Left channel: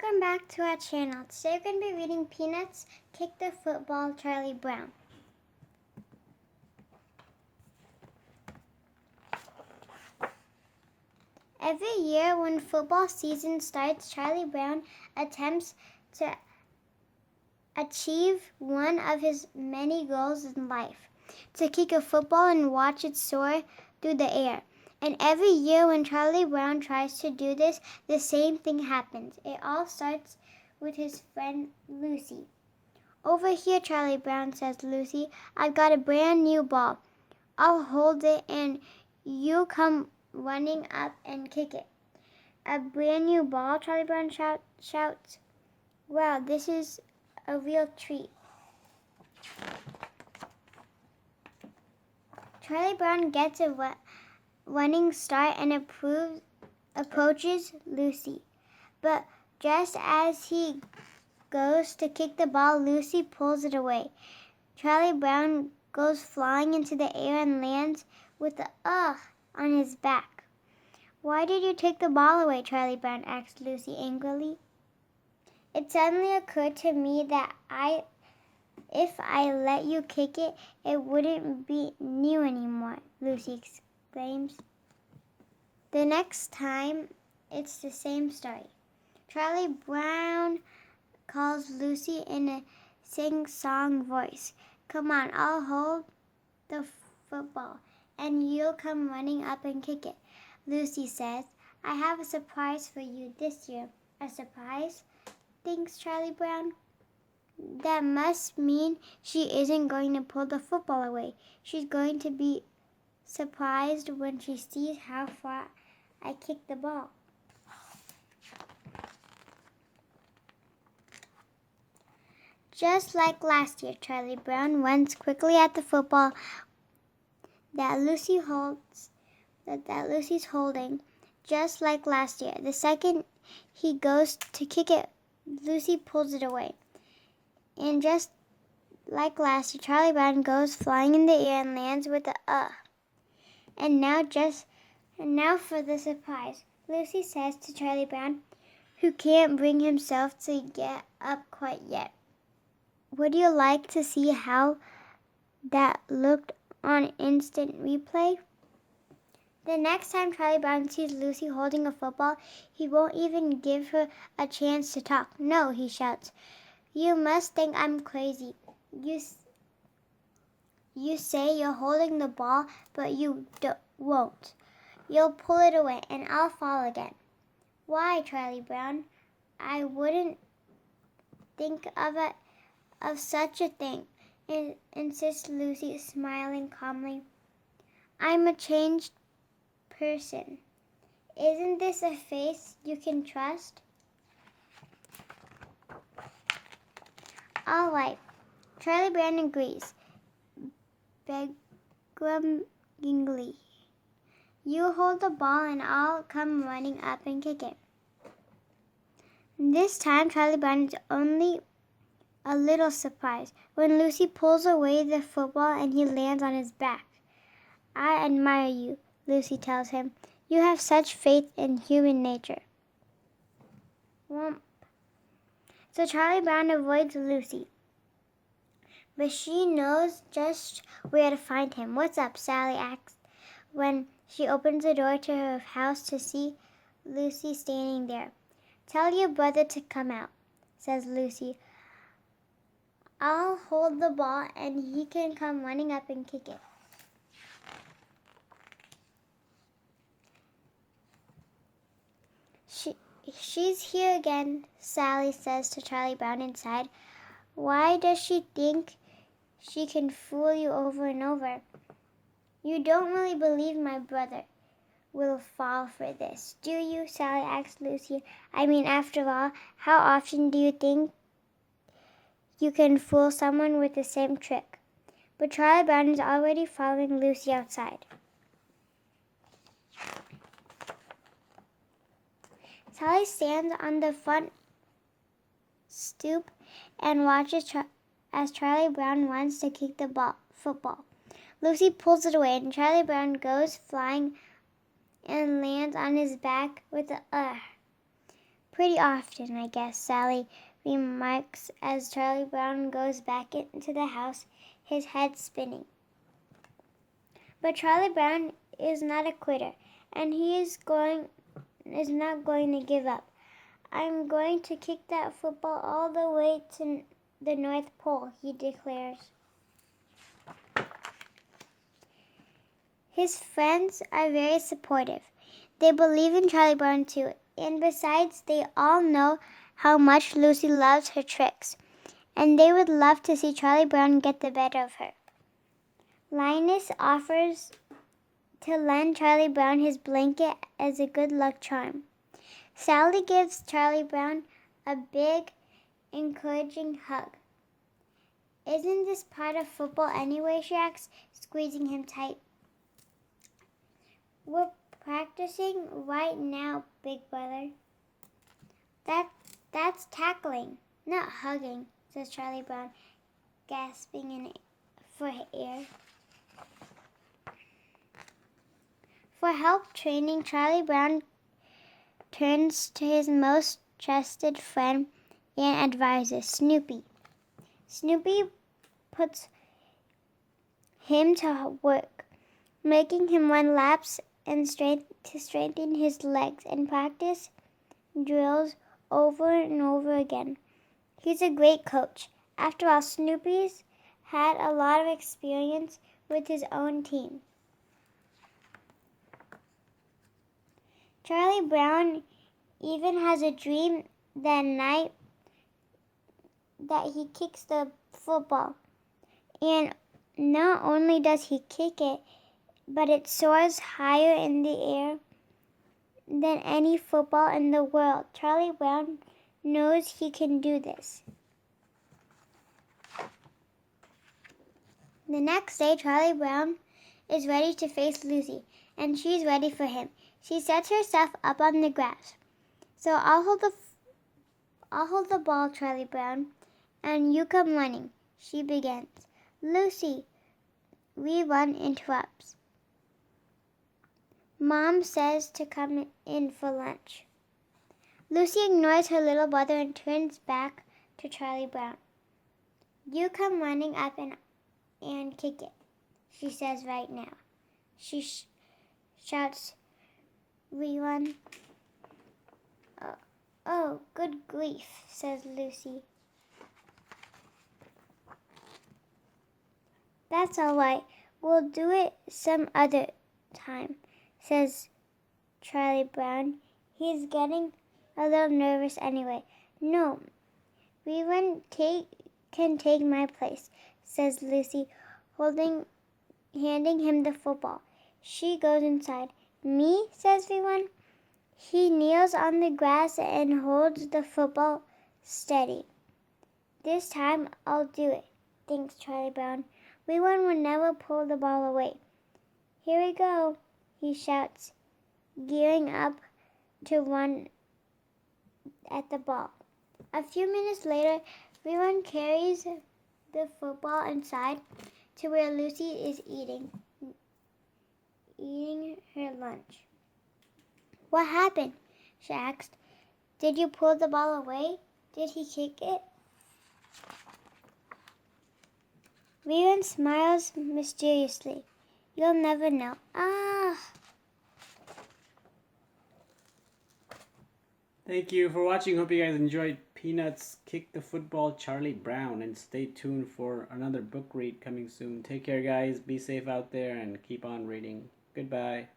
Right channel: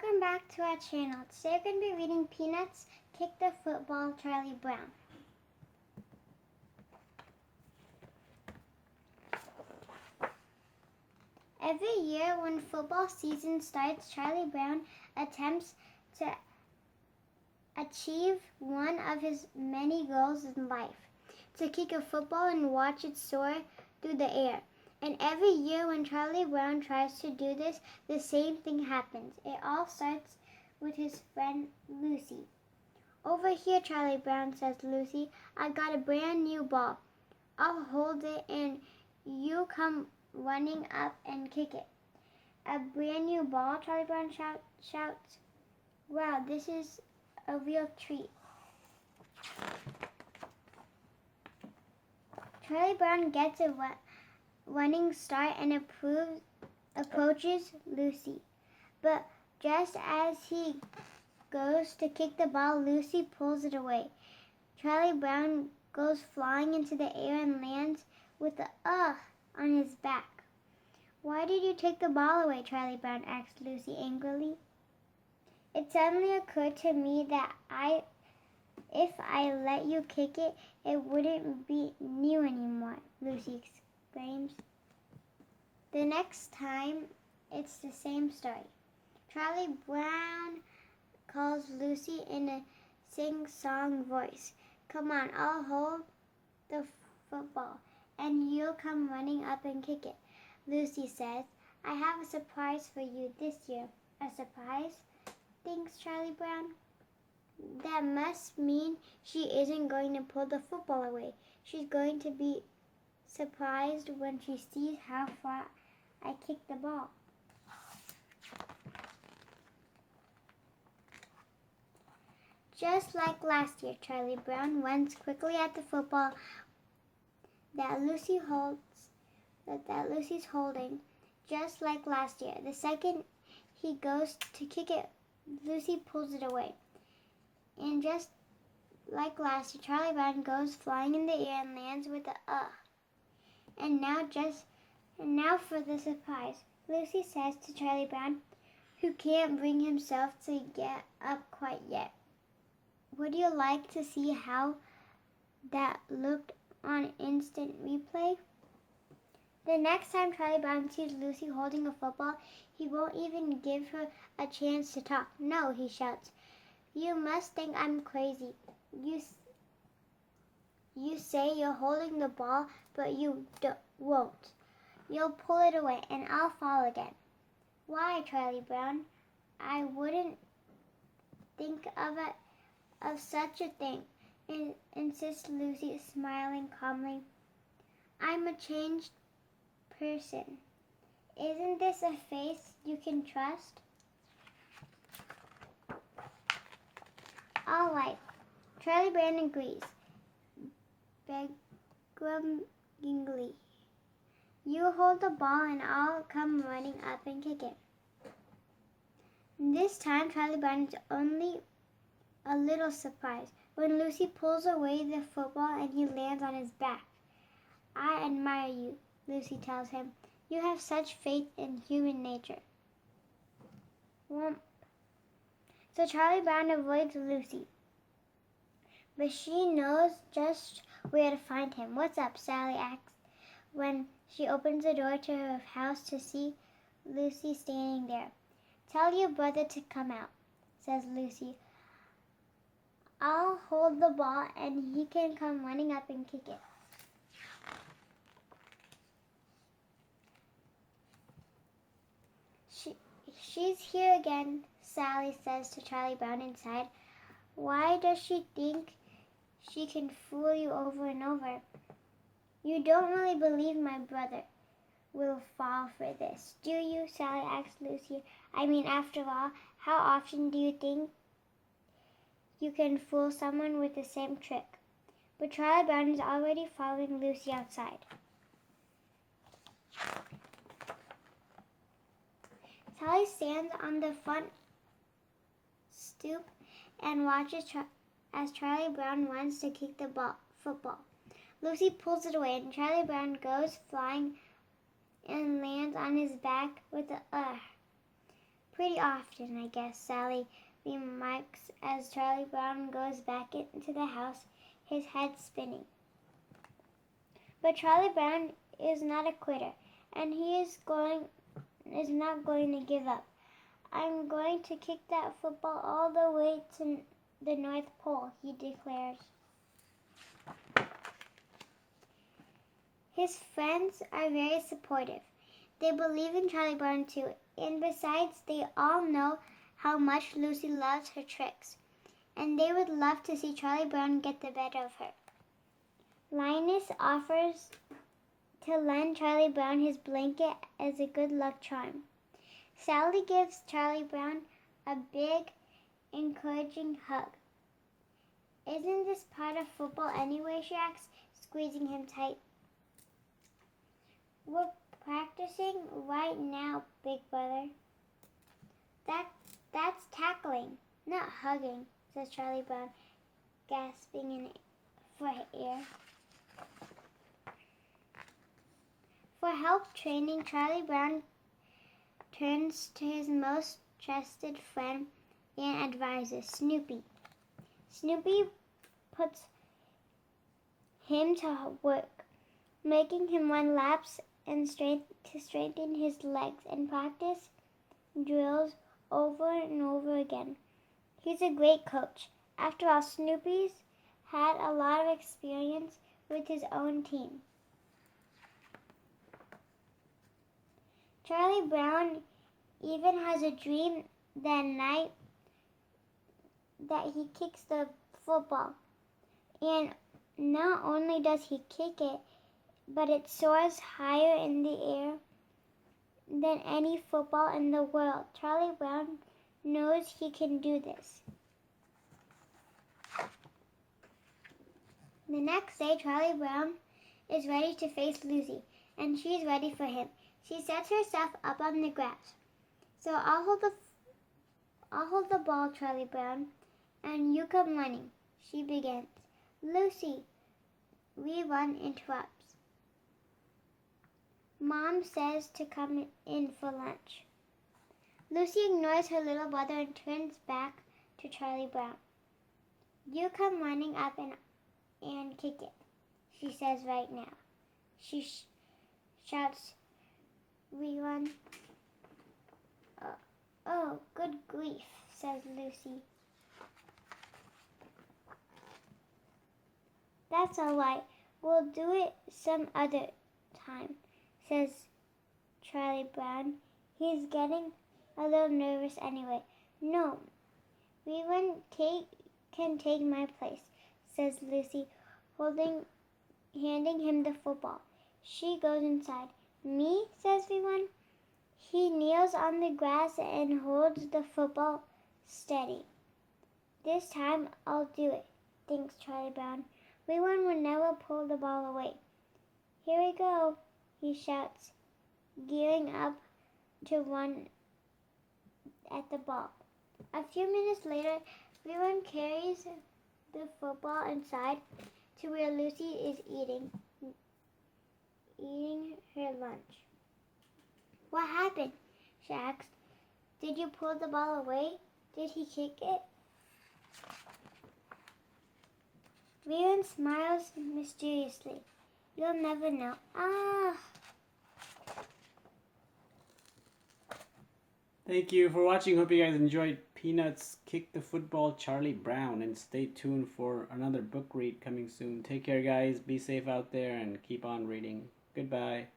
Welcome back to our channel. Today we're going to be reading Peanuts, Kick the Football, Charlie Brown. Every year when football season starts, Charlie Brown attempts to achieve one of his many goals in life, to kick a football and watch it soar through the air. And every year when Charlie Brown tries to do this, the same thing happens. It all starts with his friend Lucy. "Over here, Charlie Brown," says Lucy. "I've got a brand new ball. I'll hold it and you come running up and kick it." "A brand new ball?" Charlie Brown shouts. "Wow, this is a real treat." Charlie Brown gets a running start and approaches Lucy. But just as he goes to kick the ball, Lucy pulls it away. Charlie Brown goes flying into the air and lands with a ugh on his back. "Why did you take the ball away?" Charlie Brown asked Lucy angrily. "It suddenly occurred to me that if I let you kick it, it wouldn't be new anymore," Lucy exclaims. The next time, it's the same story. Charlie Brown calls Lucy in a sing-song voice. "Come on, I'll hold the football, and you'll come running up and kick it." Lucy says, "I have a surprise for you this year." "A surprise?" thinks Charlie Brown. That must mean she isn't going to pull the football away. She's going to be surprised when she sees how far I kick the ball. Just like last year, Charlie Brown runs quickly at the football that Lucy's holding. Just like last year, the second he goes to kick it, Lucy pulls it away. And just like last year, Charlie Brown goes flying in the air and lands with a And now for the surprise, Lucy says to Charlie Brown, who can't bring himself to get up quite yet. Would you like to see how that looked on instant replay? The next time Charlie Brown sees Lucy holding a football, he won't even give her a chance to talk. "No," he shouts. "You must think I'm crazy. You say you're holding the ball, but you won't. You'll pull it away, and I'll fall again." "Why, Charlie Brown? I wouldn't think of such a thing," insists Lucy, smiling calmly. "I'm a changed person. Isn't this a face you can trust?" "All right," Charlie Brown agrees, begrudgingly. "You hold the ball and I'll come running up and kick it." This time, Charlie Brown is only a little surprised when Lucy pulls away the football and he lands on his back. "I admire you," Lucy tells him. "You have such faith in human nature." Whomp. So Charlie Brown avoids Lucy, but she knows just where to find him. "What's up?" Sally asks when she opens the door to her house to see Lucy standing there. "Tell your brother to come out," says Lucy. "I'll hold the ball and he can come running up and kick it." She's here again," Sally says to Charlie Brown inside. "Why does she think she can fool you over and over? You don't really believe my brother will fall for this, do you?" Sally asks Lucy. "I mean, after all, how often do you think you can fool someone with the same trick?" But Charlie Brown is already following Lucy outside. Sally stands on the front stoop and watches as Charlie Brown runs to kick the football. Lucy pulls it away, and Charlie Brown goes flying and lands on his back with a Pretty often, I guess, Sally remarks as Charlie Brown goes back into the house, his head spinning. But Charlie Brown is not a quitter, and he is not going to give up. I'm going to kick that football all the way to the North Pole, he declares. His friends are very supportive. They believe in Charlie Brown too, and besides, they all know how much Lucy loves her tricks, and they would love to see Charlie Brown get the better of her. Linus offers to lend Charlie Brown his blanket as a good luck charm. Sally gives Charlie Brown a big, encouraging hug. Isn't this part of football anyway, she asks, squeezing him tight. We're practicing right now, big brother. That's tackling, not hugging, says Charlie Brown, gasping for air. For help training, Charlie Brown turns to his most trusted friend and advisor, Snoopy. Snoopy puts him to work, making him run laps and to straighten his legs and practice drills over and over again. He's a great coach. After all, Snoopy's had a lot of experience with his own team. Charlie Brown even has a dream that night that he kicks the football. And not only does he kick it, but it soars higher in the air than any football in the world. Charlie Brown knows he can do this. The next day, Charlie Brown is ready to face Lucy, and she's ready for him. She sets herself up on the grass. So I'll hold the ball, Charlie Brown, and you come running, she begins. Lucy, Rerun interrupts. Mom says to come in for lunch. Lucy ignores her little brother and turns back to Charlie Brown. You come running up and kick it, she says right now. She shouts, Rerun. Oh, good grief, says Lucy. That's all right. We'll do it some other time, says Charlie Brown. He's getting a little nervous anyway. No, Rerun can take my place, says Lucy, handing him the football. She goes inside. Me, says Rerun. He kneels on the grass and holds the football steady. This time I'll do it, thinks Charlie Brown. Rerun will never pull the ball away. Here we go, he shouts, gearing up to run at the ball. A few minutes later, Rerun carries the football inside to where Lucy is eating her lunch. What happened? She asked. Did you pull the ball away? Did he kick it? Rerun smiles mysteriously. You'll never know. Thank you for watching. Hope you guys enjoyed Peanuts Kick the Football, Charlie Brown. And stay tuned for another book read coming soon. Take care, guys. Be safe out there and keep on reading. Goodbye.